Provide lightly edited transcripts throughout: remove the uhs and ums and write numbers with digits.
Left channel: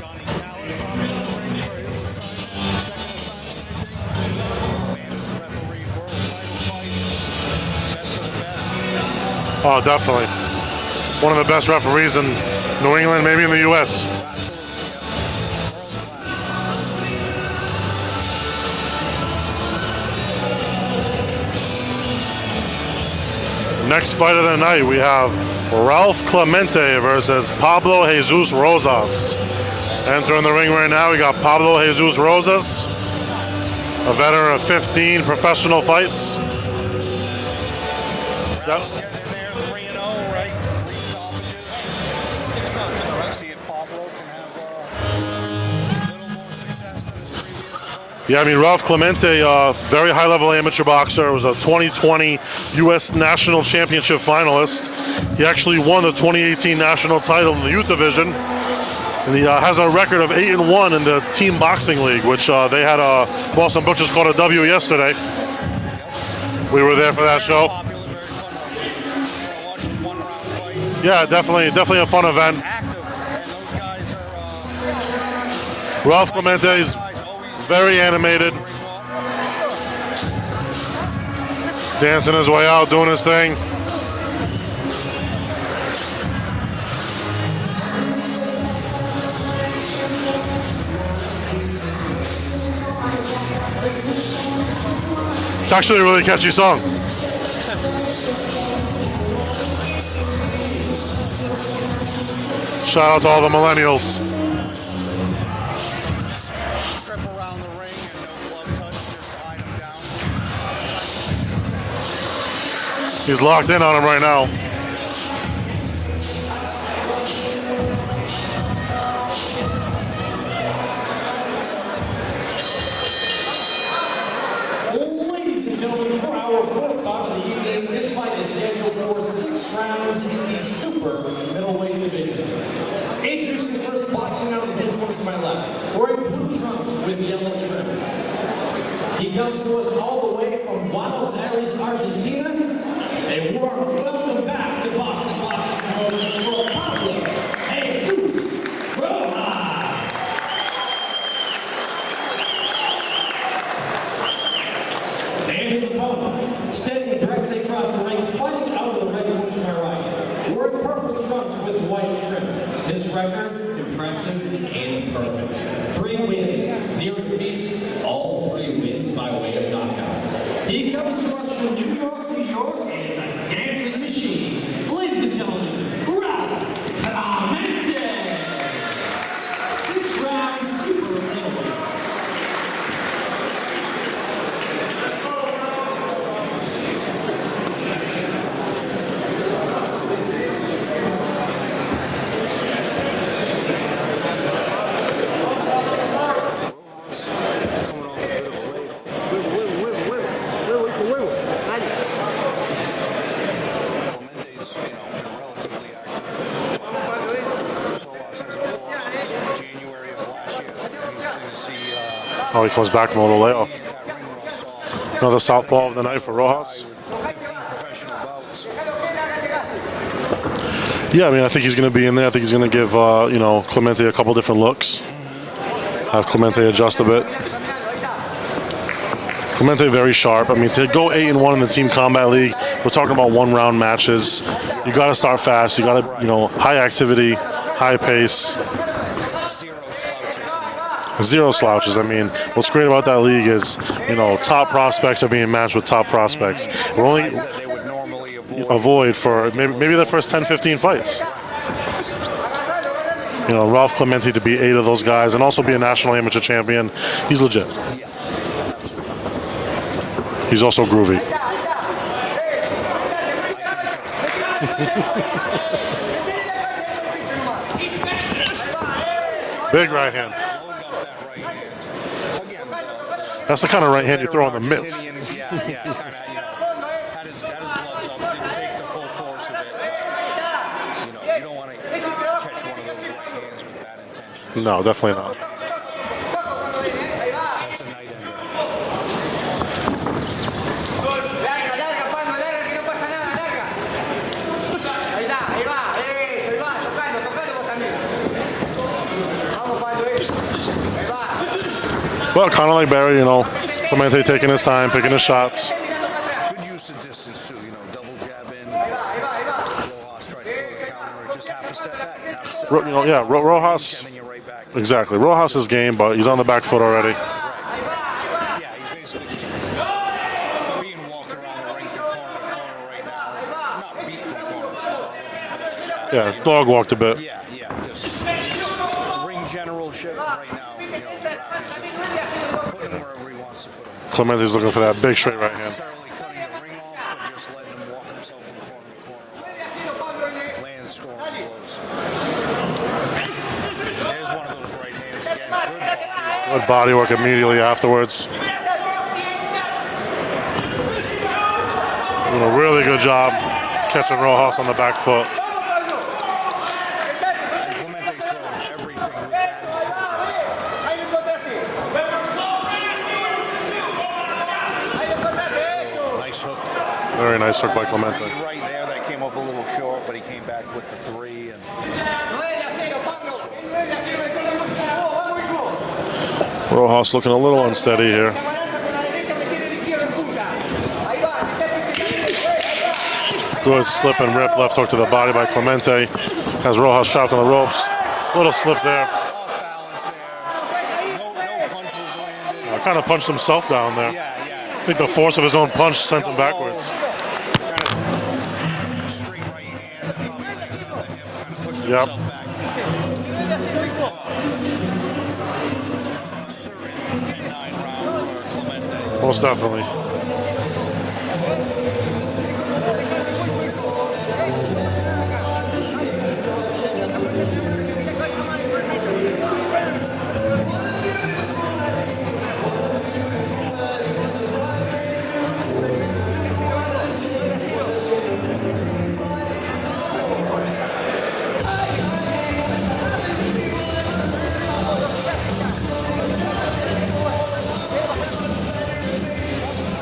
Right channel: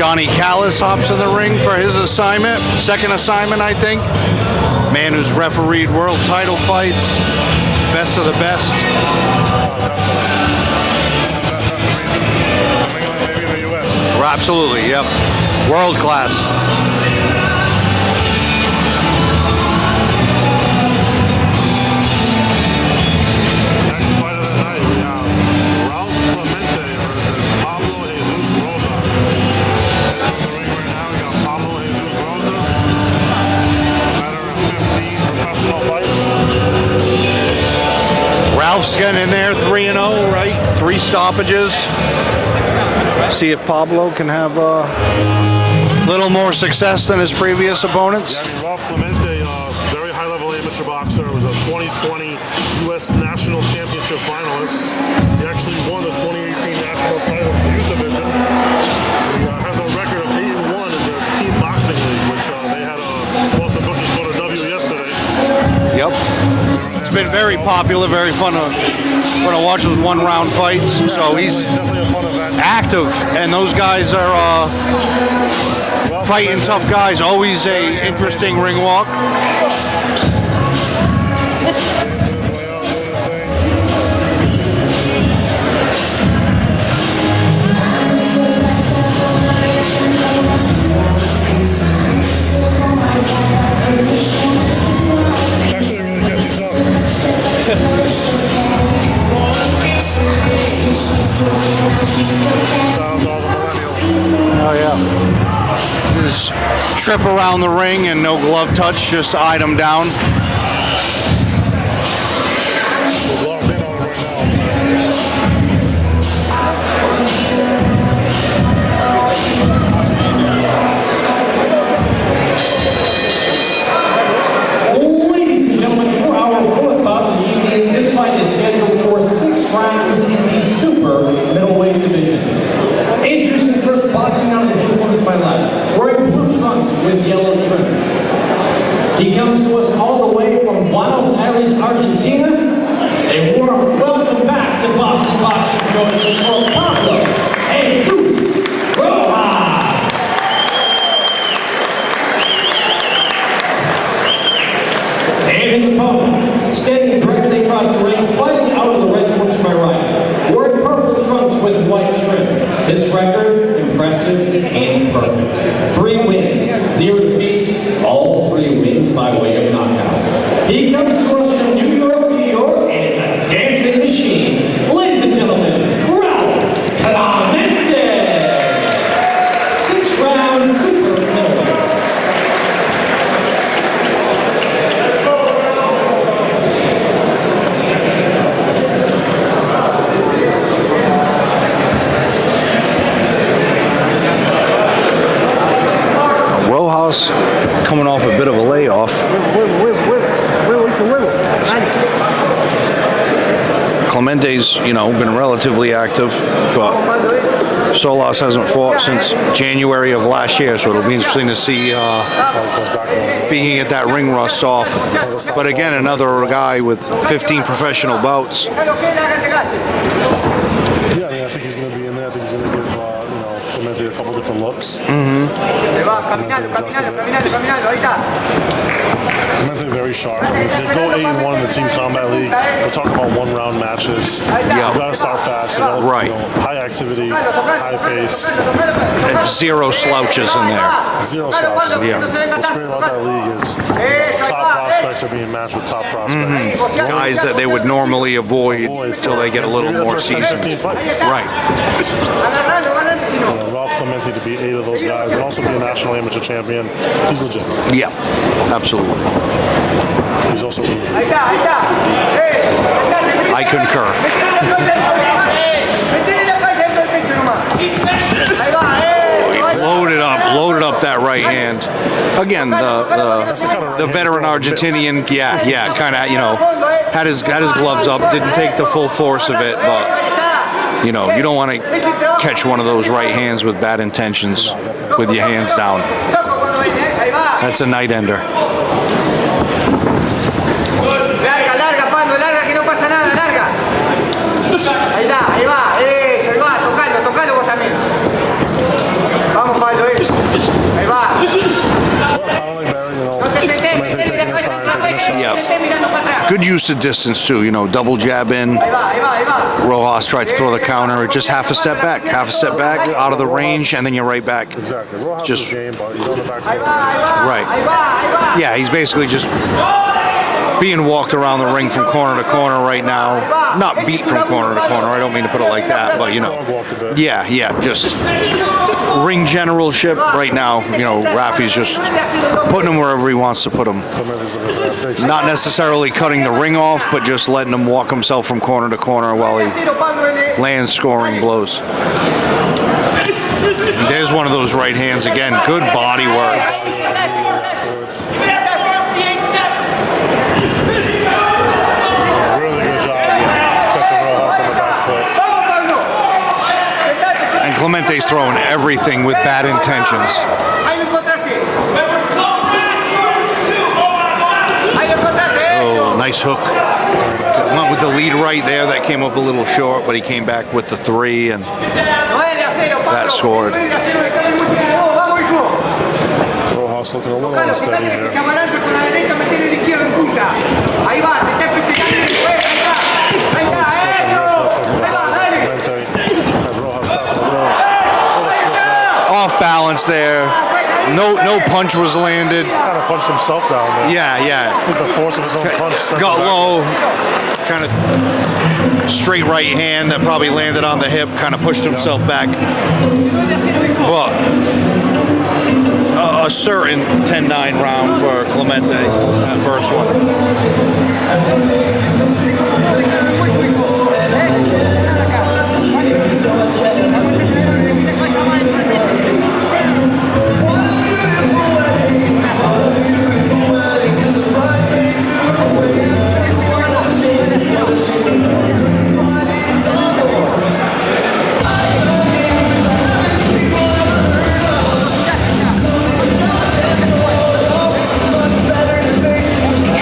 Johnny Callis hops in the ring for his assignment, second assignment, I think. Man who's refereed world title fights, best of the best. Oh, definitely. One of the best referees in New England, maybe in the U.S. Absolutely, yep. World class. Next fight of the night, we have Ralph Clemente versus Pablo Jesus Rojas. Entering the ring right now, we got Pablo Jesus Rojas, a veteran of 15 professional fights. Ralph's getting in there, 3-0, right? 3 stoppages. See if Pablo can have a little more success than his previous opponents. Yeah, I mean, Ralph Clemente, very high-level amateur boxer, was a 2020 U.S. National Championship finalist. He actually won the 2018 national title in the youth division. He has a record of 8-1 in the team boxing league, which they had Boston Butchers called a W yesterday. Yep. We were there for that very show. Very popular, very fun to watch those one-round fights. Yeah, so definitely a fun event. Active, and those guys are fighting tough guys. Always a interesting ring walk. Dancing his way out, doing his thing. It's actually a really catchy song. Shout out to all the millennials. Oh, yeah. Do this trip around the ring and no glove touch, just eyed him down. He's locked in on him right now. Rounds in the super middleweight division. Introducing the first boxing round of the blue corner to my left, wearing blue trunks with yellow trim. He comes to us all the way from Buenos Aires, Argentina. A warm welcome back to Boston Boxing Joining us for Pablo Jesus Rojas. And his opponent, standing directly across the ring, fighting out of the red corner to my right, wearing purple trunks with white trim. This record, impressive and perfect. 3 wins, 0 defeats, all 3 wins by way of knockout. He comes to us from New York, New York, and it's a dancing machine. Ladies and gentlemen, Ralph Clemente. 6-round super middleweight. Coming off a bit of a layoff. Clemente's, been relatively active, but Solas hasn't fought since January of last year, so it'll be interesting to see he comes back from the if he can get that ring rust off. But again, another guy with 15 professional bouts. Yeah, I mean, I think he's going to be in there. I think he's going to give, Clemente a couple different looks. Have Clemente adjust a bit. Clemente very sharp. I mean, to go 8-1 in the Team Combat League, we're talking about 1-round matches. Yeah. You got to start fast. You got to, high activity, high pace. And 0 slouches in there. 0 slouches. I mean, what's great about that league is, top prospects are being matched with top prospects. Guys that they would normally avoid for they get a little maybe the more first 10, 15 fights. Right. Ralph Clemente to be 8 of those guys and also be a national amateur champion, he's legit. Yeah, absolutely. He's also groovy. I concur. Loaded up that right hand. Again, that's the kind of right hand veteran Argentinian, kind of, had his gloves up, didn't take the full force of it, but you don't want to catch one of those right hands with bad intentions. No, definitely. With your hands down. That's a night ender. shots. Good use of distance too. You know, double jab in. Rojas tried to throw the counter. Just half a step back, Yeah, out of the Rojas- range, and then you're right back. Exactly. Rojas' Just- game, but he's on the back foot already. Right. Yeah, he's basically just being walked around the ring from corner to corner right now. Not beat from corner to corner. I don't mean to put it like that, but you know. Dog walked a bit. Yeah, just ring generalship right now. You know, Rafi's just putting him wherever he wants to put him. Clemente's looking for that big shot. Not necessarily cutting the ring off, but just letting him walk himself from corner to corner while he lands scoring blows. There's one of those right hands again. Good body work. Body work immediately afterwards. A really good job catching Rojas on the back foot. And Clemente's throwing everything with bad intentions. Oh, nice hook. Very nice. Went with the lead right there. That came up a little short, but he came back with the 3, and that scored. Rojas looking a little unsteady here. Good slip and rip left hook to the body by Clemente as Rojas shot to the ropes. Little slip there. Off balance there. No punch was landed. Kind of punched himself down there. Yeah. I think the force of his own punch sent him Got low. backwards. Kind of straight right hand that probably landed on the hip. Kind of pushed himself back. But a certain 10-9 round for Clemente. Was the first one.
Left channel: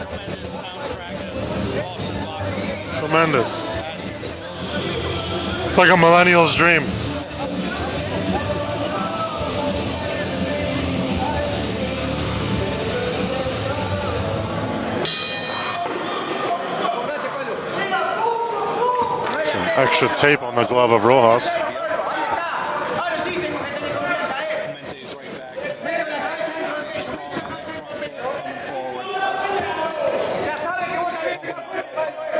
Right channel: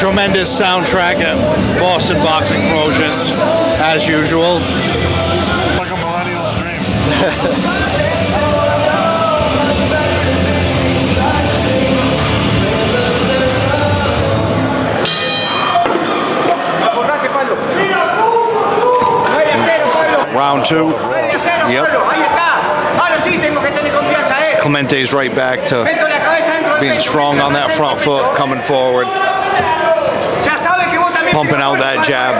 Tremendous soundtrack at Boston Boxing Promotions, as usual. It's like a millennial's dream. Round 2. Of Rojas. Yep. Clemente's right back to being strong on that front foot, coming forward, pumping out that jab.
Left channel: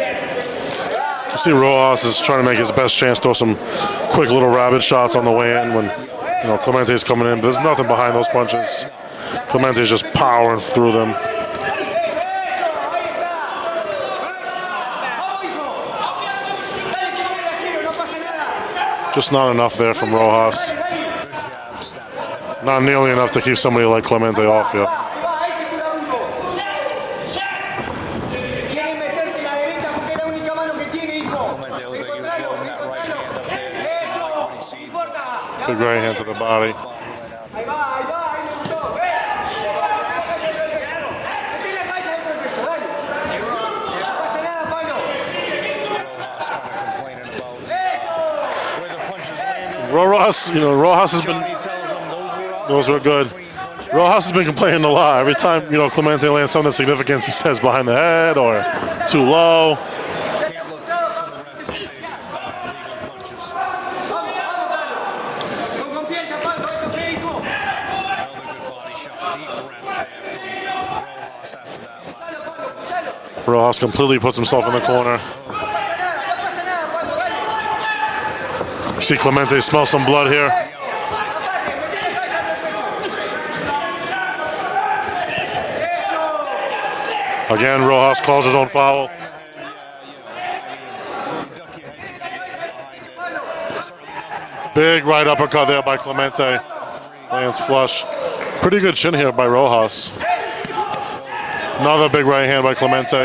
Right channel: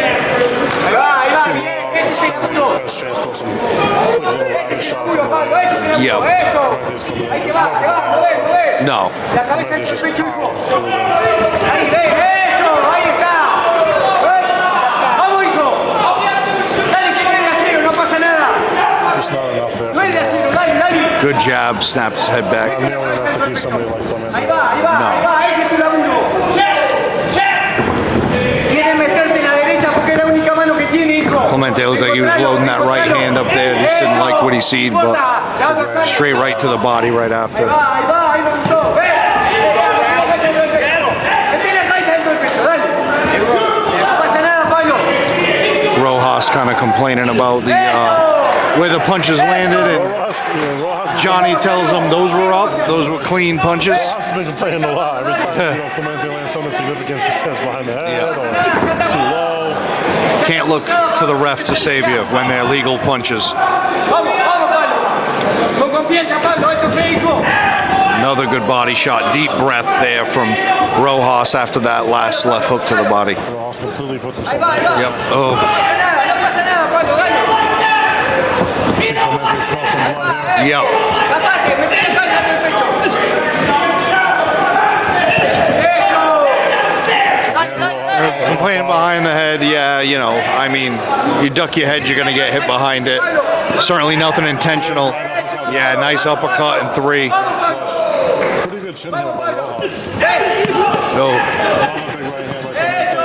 I see Rojas is trying to make his best chance, throw some quick little rabbit shots on the way in. Yep. Clemente's coming in. There's nothing behind those punches. No. Clemente's just powering through them. Just not enough there from Rojas. Good jab, snapped his head back. Not nearly enough to keep somebody like Clemente off yet. No. Clemente looked like he was loading that right hand up there. Just didn't like what he seen, but straight right to the body right after. Rojas kind of complaining about the where the punches landed. And Rojas Johnny tells him those were up. Those were clean punches. Rojas has been complaining a lot. Every time Clemente lands something significant, he says behind the head or too low. Can't look to the ref to save you when they're legal punches. Another good body shot. Deep breath there from Rojas after that last left hook to the body. Rojas completely puts himself in the corner. Yep. Oh. You see Clemente smell some blood here. Yep. Again, Rojas calls his own Playing foul. behind the head, yeah, I mean, you duck your head, you're going to get hit behind it. Certainly nothing intentional. Big right uppercut there. Yeah, by nice Clemente. uppercut in 3. And it's flush. Pretty good chin here by Rojas. Oh. Another big right hand by Clemente.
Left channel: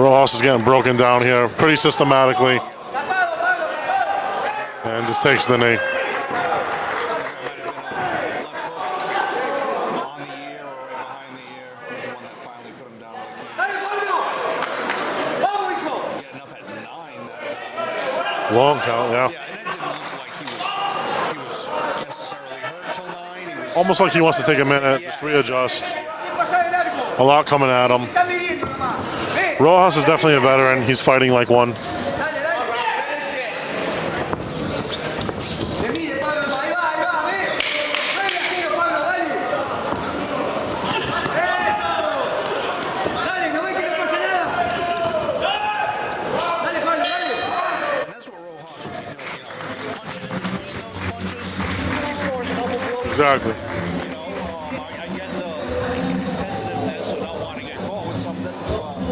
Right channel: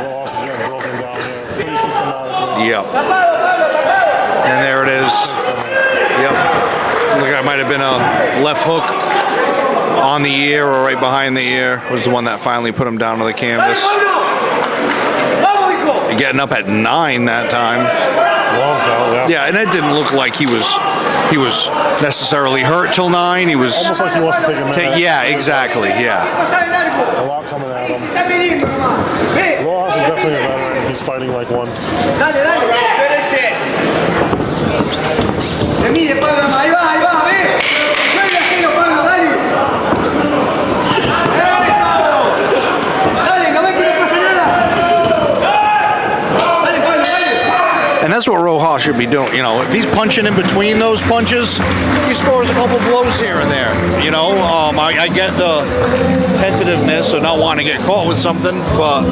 Rojas is getting broken down here pretty systematically. Yep. And there it is. Takes the knee. Yep. Look, that might have been a left hook on the ear or right behind the ear. Was the one that finally put him down to the canvas. getting up at 9 that time. Long count, yeah. Yeah, and it didn't look like he was necessarily hurt till 9. He was Almost like he wants to take a minute. yeah, exactly. Yeah. A lot coming at him. Rojas is definitely a veteran. He's fighting like one. And that's what Rojas should be doing. You know, if he's punching in between those punches, he scores a couple blows here and there. You know, I get the tentativeness of not wanting to get caught with something, but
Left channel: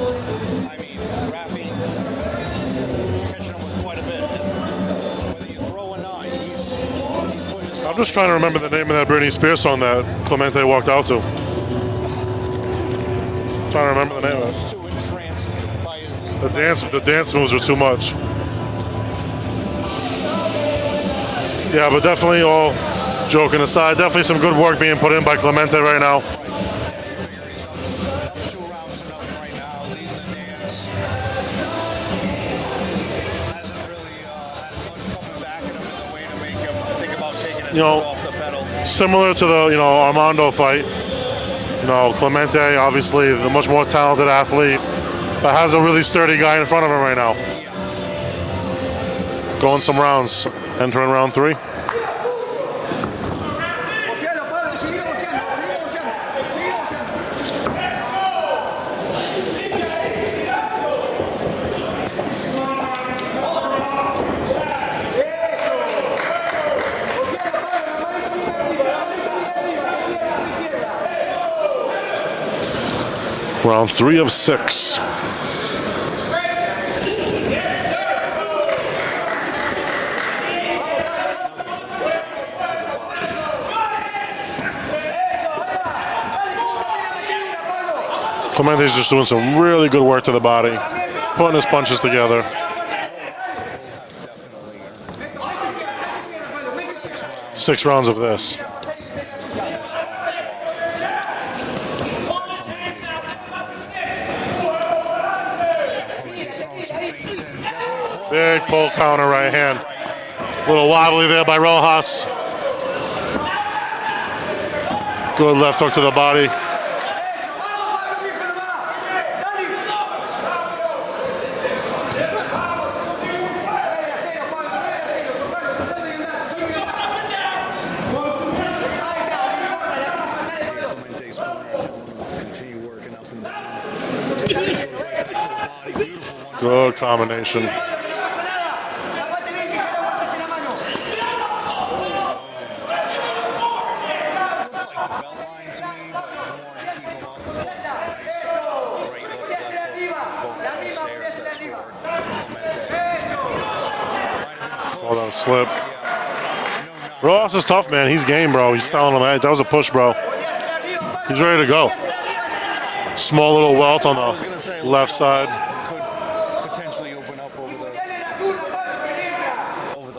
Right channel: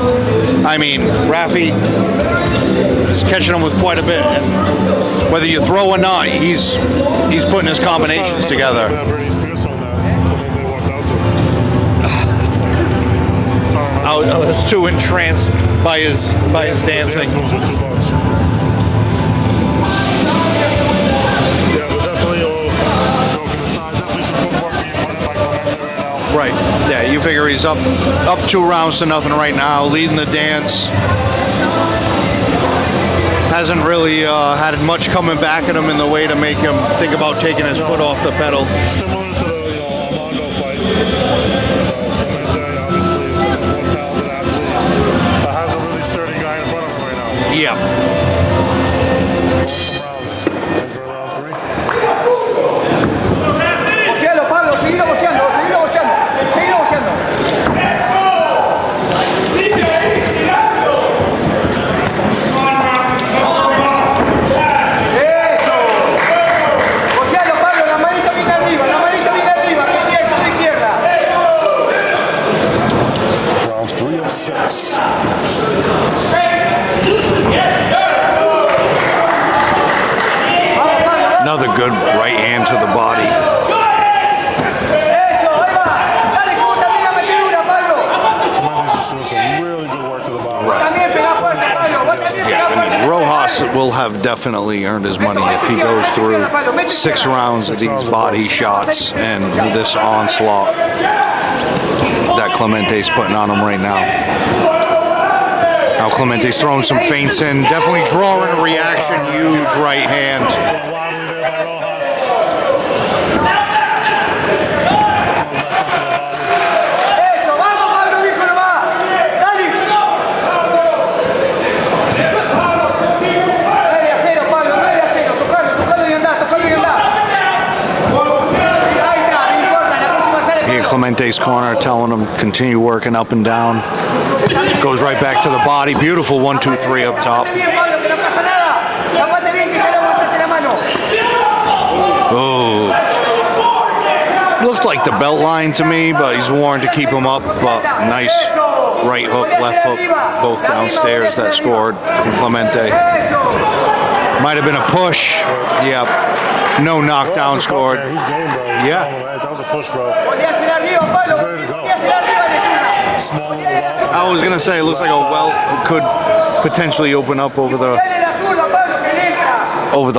I mean, Rafi is catching him with quite a bit. And whether you throw or not, he's putting his combinations together. That Britney Spears song that Clemente walked out to. I was too entranced by his dancing. The dance moves were too much. Yeah, but definitely, all joking aside, definitely some good work being put in by Clemente right now. Right. Yeah, you figure he's up 2 rounds to nothing right now, leading the dance. Hasn't really had much coming back at him in the way to make him think about taking his foot off the pedal. Similar to the Armando fight. Clemente, obviously, a much more talented athlete that has a really sturdy guy in front of him right now. Yeah. Going some rounds. Entering round 3. Pablo, seguilo boceando, seguilo boceando, seguilo boceando. Eso. Bocealo, Pablo, la manita bien arriba, izquierda, izquierda. Round 3 of 6. Another good right hand to the body. Clemente's just doing some really good work to the body, putting his punches together. I mean, Rojas will have definitely earned his money if he goes through 6 rounds of these body shots and this onslaught that Clemente's putting on him right now. Now Clemente's throwing some feints in, definitely drawing a reaction. Huge right hand. A little wobbly there by Rojas. Good left hook to the body. Clemente's corner telling him continue working up and down. Goes right back to the body. Beautiful 1, 2, 3 up top. Oh. Looked like the belt line to me, but he's warned to keep him up. But nice right hook, left hook, both downstairs that scored from Clemente. Might have been a push. Yep. No knockdown scored. Man. He's game, bro. He's telling him, that was a push, bro. He's ready to go. Small little welt on the I was going to say, it looks like a welt could potentially open up over the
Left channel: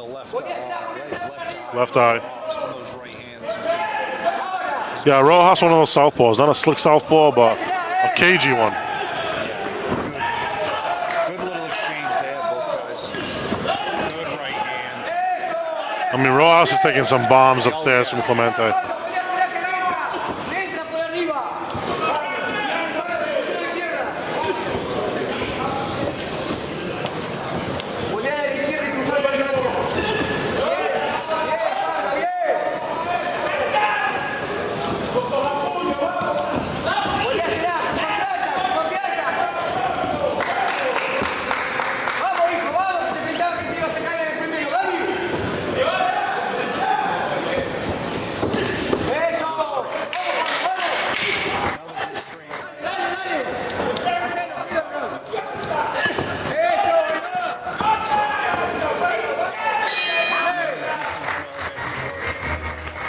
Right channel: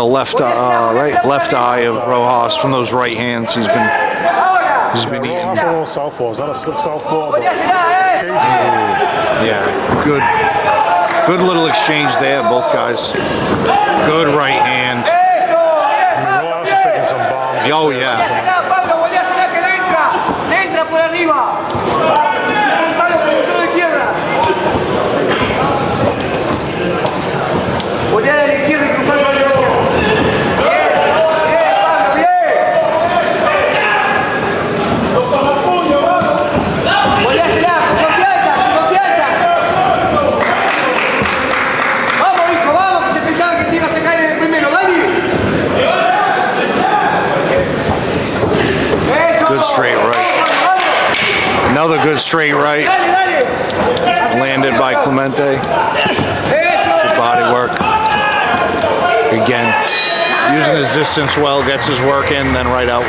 left eye of Rojas from those right hands. He's been Rojas one of those southpaws, not a slick southpaw, but cagey one. Yeah, good little exchange there, both guys. Good right hand. I mean, Rojas is taking some bombs upstairs from Clemente. Another good straight right. Landed by Clemente. Good body work. Again, using his distance well, gets his work in, then right out.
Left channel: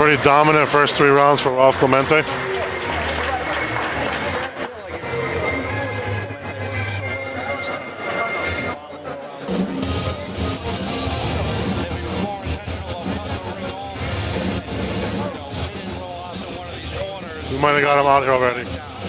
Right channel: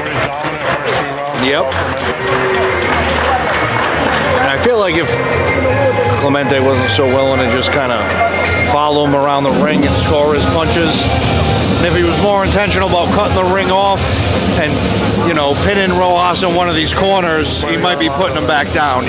Pretty dominant first 3 rounds for Clemente. And I feel like if Clemente wasn't so willing to just kind of follow him around the ring and score his punches, and if he was more intentional about cutting the ring off and, pinning Rojas in one of these corners, he might be putting him back down,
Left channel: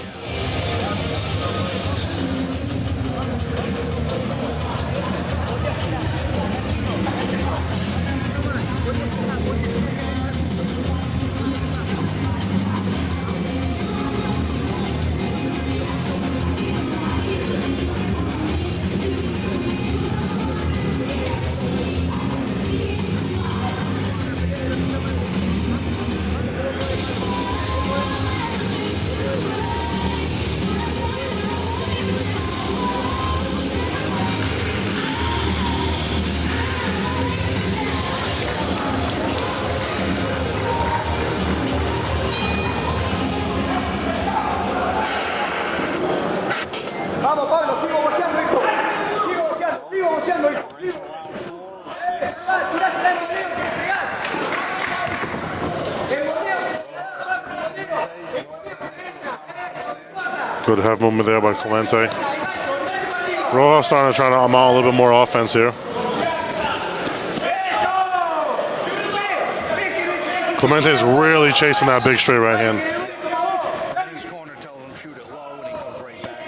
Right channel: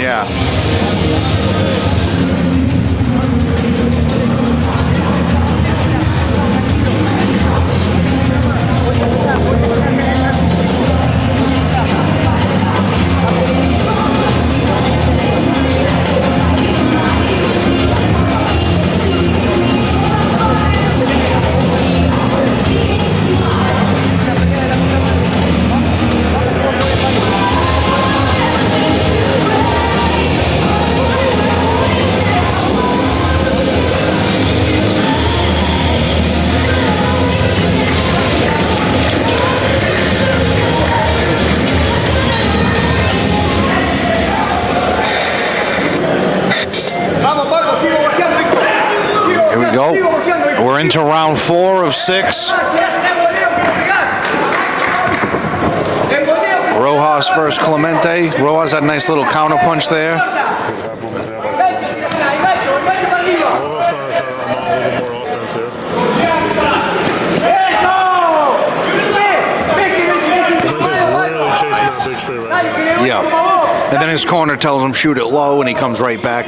Round 4 of 6. Rojas versus Clemente. Rojas had a nice little counter punch there. Good head movement there by Clemente. Rojas starting to try to unmount a little bit more offense here. Clemente's really chasing that big straight right hand. Yeah. And then his corner tells him shoot it low, and he comes right back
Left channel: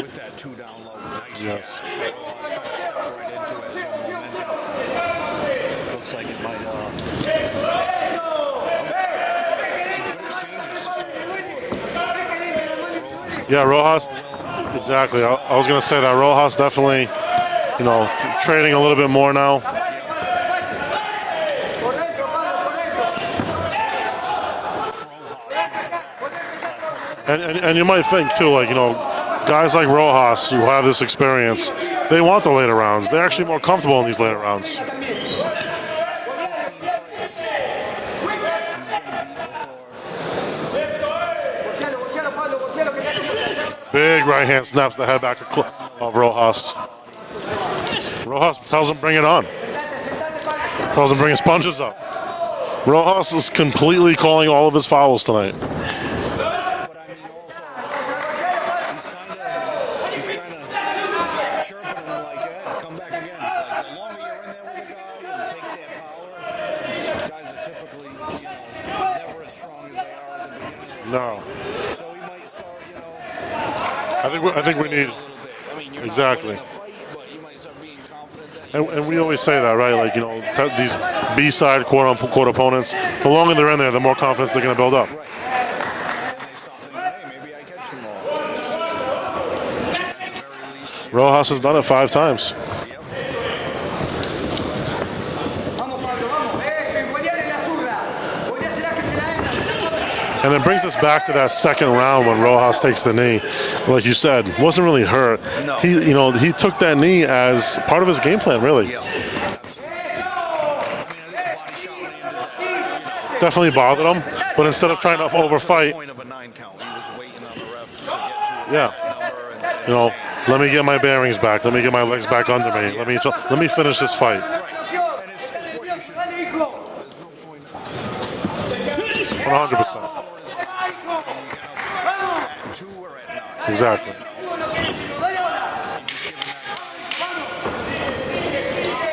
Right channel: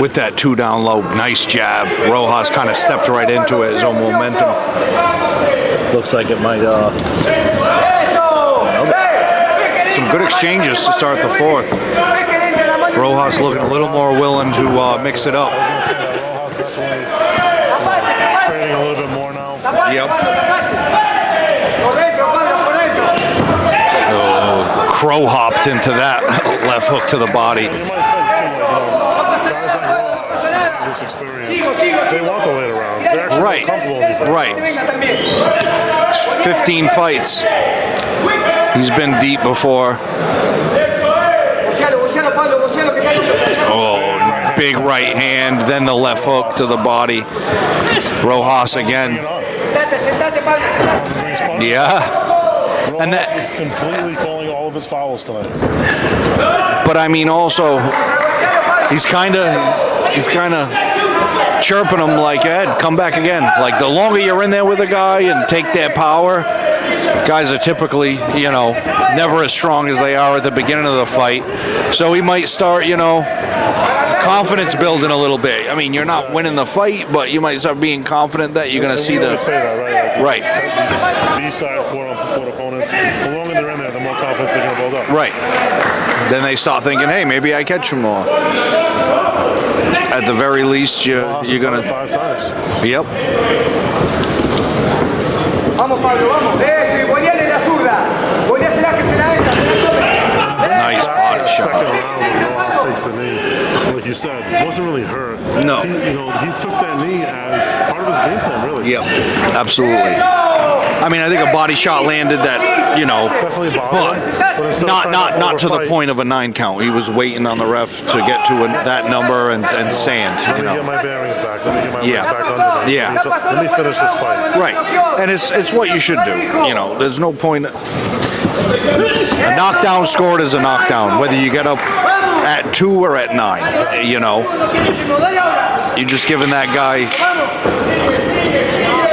with that 2 down low. Nice jab. Rojas kind of stepped right into it, his own momentum. Looks like it might, some good exchanges to start the 4th. Rojas looking a little more willing to mix it up. I was going to say that Rojas definitely, trading a little bit more now. Yep. Crow hopped into that left hook to the body. And you might think too, guys like Rojas who have this experience, they want the later rounds. They're actually more comfortable in these later rounds. 15 fights. He's been deep before. Big right hand, then the left hook to the body. Rojas again. Bring it on. Doesn't bring his punches. Yeah. Rojas is completely calling all of his fouls tonight. But I mean, also, he's kind of chirping him like, Ed, come back again. Like, the longer you're in there with a guy and take that power, guys are typically, never as strong as they are at the beginning of the fight. So he might start, confidence building a little bit. I mean, you're not winning the fight, but you might start being confident that you're going to see the. We always say that, right? Like, these B-side quote opponents, the longer they're in there, the more confidence they're going to build up. Right. Then they start thinking, hey, maybe I catch him more. At the very least, you're going to. Done it 5 times. Yep. Vamos, Pablo, vamos. Eso, y Boñale la zurda. Boñale será que se la entra. And it brings us back to that second round when Rojas takes the knee. Like you said, wasn't really hurt. No. He took that knee as part of his game plan, really. Yep. Absolutely. I mean, I think a body shot landed that, definitely bothered him. But instead of trying not to the point of a 9 count. He was waiting on the ref to get to that number and stand. Let me get my bearings back. Let me get my legs back under me. Yeah. Let me finish this fight. Right. And it's what you should do. There's no point. A knockdown scored is a knockdown, whether you get up at 2 or at 9. Exactly. You're just giving that guy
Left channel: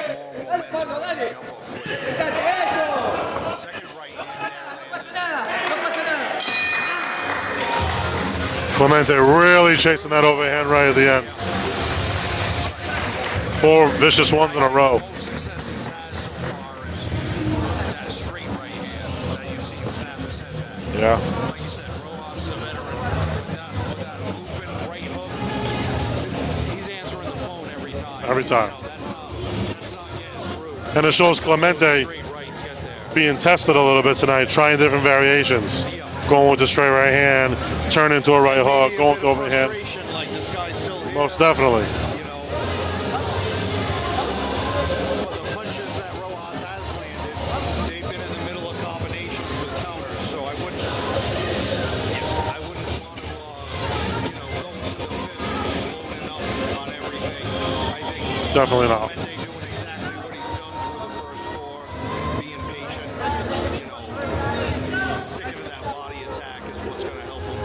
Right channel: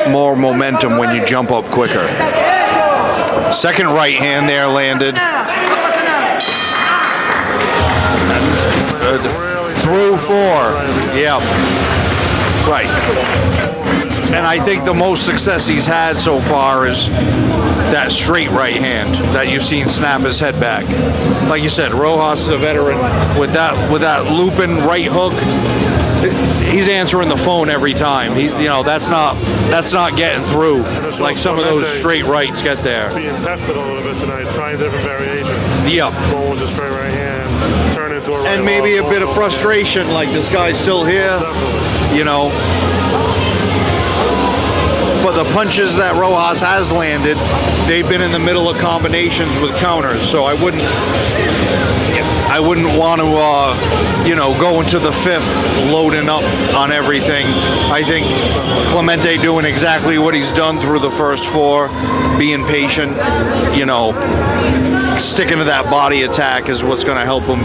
more momentum when you jump up quicker. Second right hand there landed. Clemente really chasing that overhand right at the end. Yeah. Right. 4 vicious ones. And I in a think row. the most success he's had so far is that straight right hand that you've seen snap his head back. Yeah. Like you said, Rojas is a veteran with that looping right hook. He's answering the phone every time. That's not getting through. And it shows like some of those Clemente straight rights get there. Being tested a little bit tonight, trying different variations. Yep. Going with the straight right hand, turn into a right And maybe hook, a bit of overhand. frustration, like this guy's still here. Most definitely. But the punches that Rojas has landed, they've been in the middle of combinations with counters. So I wouldn't want to, go into the 5th loading up on everything. I think Clemente doing exactly what he's done through the first 4, being patient, sticking to that body attack is what's going to help him,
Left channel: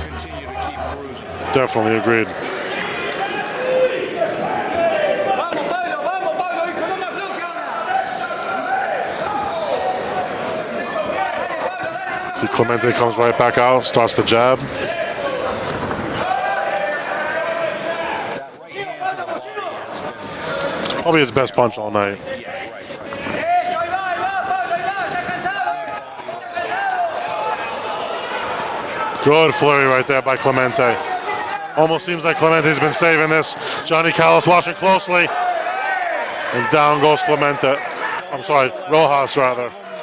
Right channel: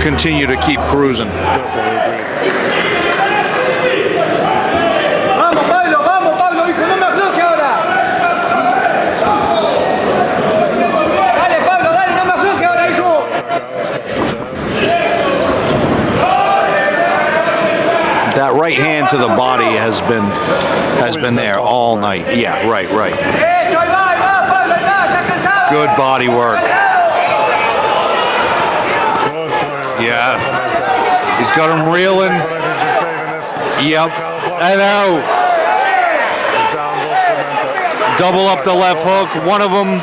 continue to keep cruising. Definitely agreed. Vamos, Pablo, hijo, no me afloje ahora. Dale, Pablo, dale, no me afloje ahora. Clemente comes right back out, starts the jab. That right hand to the body has been there all night. Yeah, right. Eso, ahí va, Pablo, ahí va, está cansado. Good body work. Good flurry right there by Clemente. He's got him reeling. Like Clemente's been saving this. Johnny Callis watching And closely. And down goes Clemente. Double up the left Rojas, hook. One of them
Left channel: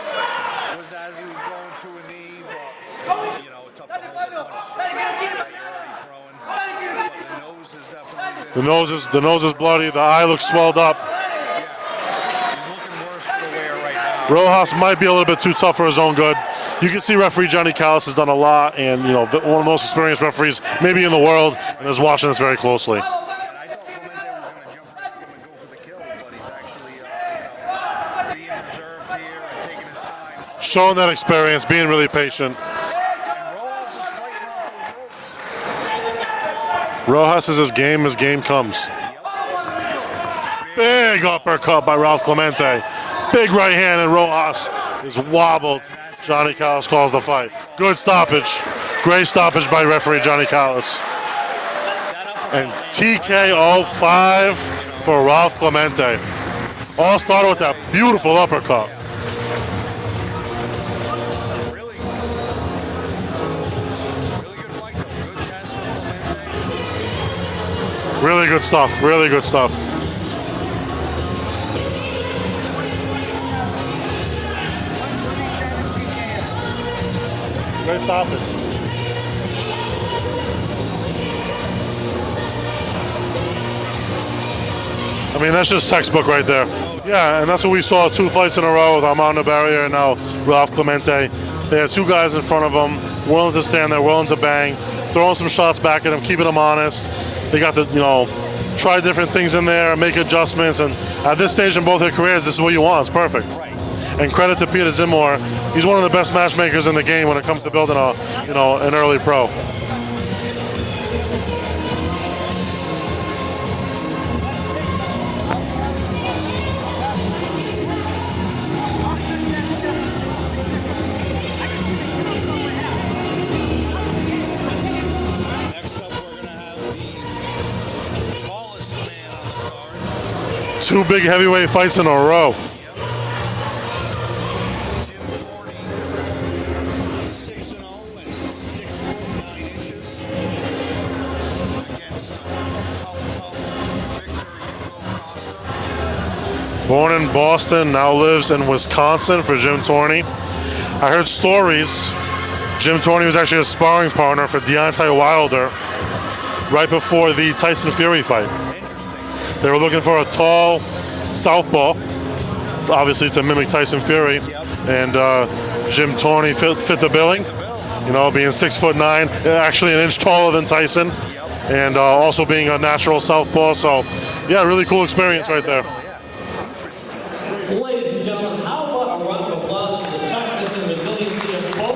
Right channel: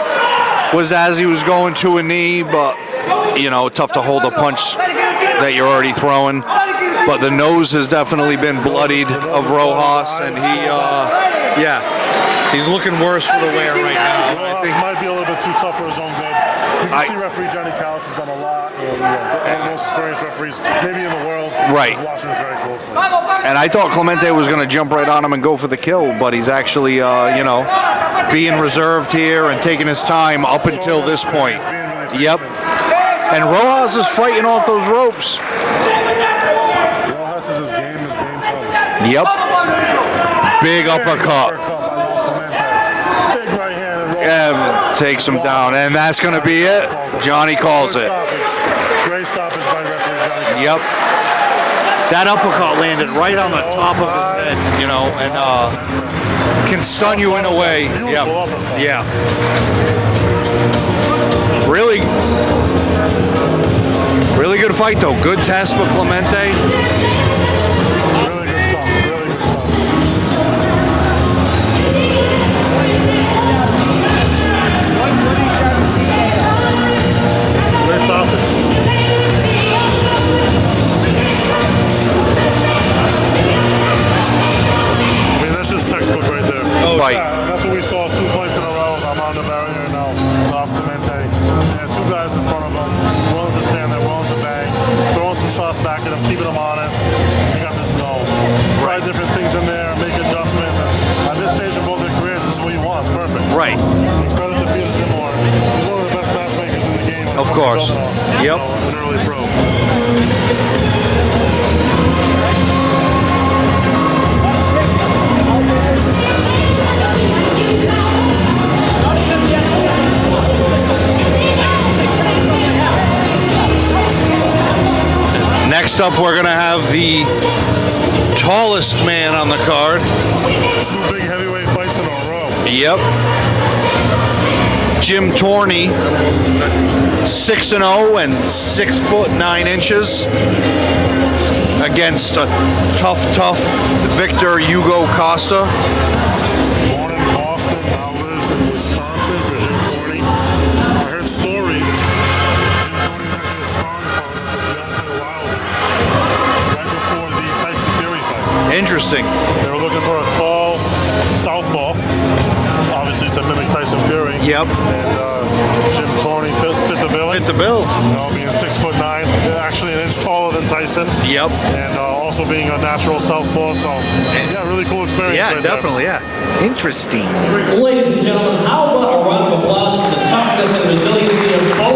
was as he was going to a knee, but tough to hold a punch that you're already throwing. But the nose has definitely been bloodied. The nose is bloody. The eye looks swelled up. Yeah. He's looking worse for the wear right now. Rojas might be a little bit too tough for his own good. You can see referee Johnny Callis has done a lot, and one of the most experienced referees maybe in the world is watching this very closely. And I thought Clemente was going to jump right on him and go for the kill, but he's actually, being reserved here and taking his time up until this experience, point. being really patient. Yep. And Rojas is fighting off those ropes. Rojas is as game comes. Yep. Big uppercut by Ralph Clemente. Big right hand, and Rojas takes him down, and that's going to be it. Johnny calls Good it. stoppage. Great stoppage by referee Johnny Callis. Yep. That uppercut landed right on the top five of his head, for Ralph Clemente. Can stun you in a way. Beautiful uppercut. Yeah. Really good fight, though. Good test for Clemente. Really good stuff. Really good stuff. That's just textbook right there. Yeah, and that's what we saw 2 fights in a row with Armando Barrier and now Ralph Clemente. They have 2 guys in front of them, willing to stand there, willing to bang, throwing some shots back at him, keeping him honest. They got to, try different things in there, make adjustments. And at this stage in both their careers, this is what you want. It's perfect. Right. And credit to Peter Zimmer. He's one of the best matchmakers in the game when it comes to building an early pro. Next up, we're going to have the tallest man on the card. 2 big heavyweight fights in a row. Yep. Jim Torney, 6-0 and 6'9" against a tough Victor Hugo Costa. Born in Boston, now lives in Wisconsin for Jim Torney. I heard stories. Jim Torney was actually a sparring partner for Deontay Wilder right before the Tyson Fury fight. Interesting. They were looking for a tall southpaw, obviously to mimic Tyson Fury. Yep. And Jim Torney fit the bill. Fit the bill. Being 6'9", actually an inch taller than Tyson. Yep. And also being a natural southpaw. So, yeah, really cool experience right there. Definitely, yeah. Interesting. Ladies and gentlemen, how about a round of applause for the toughness and resiliency of both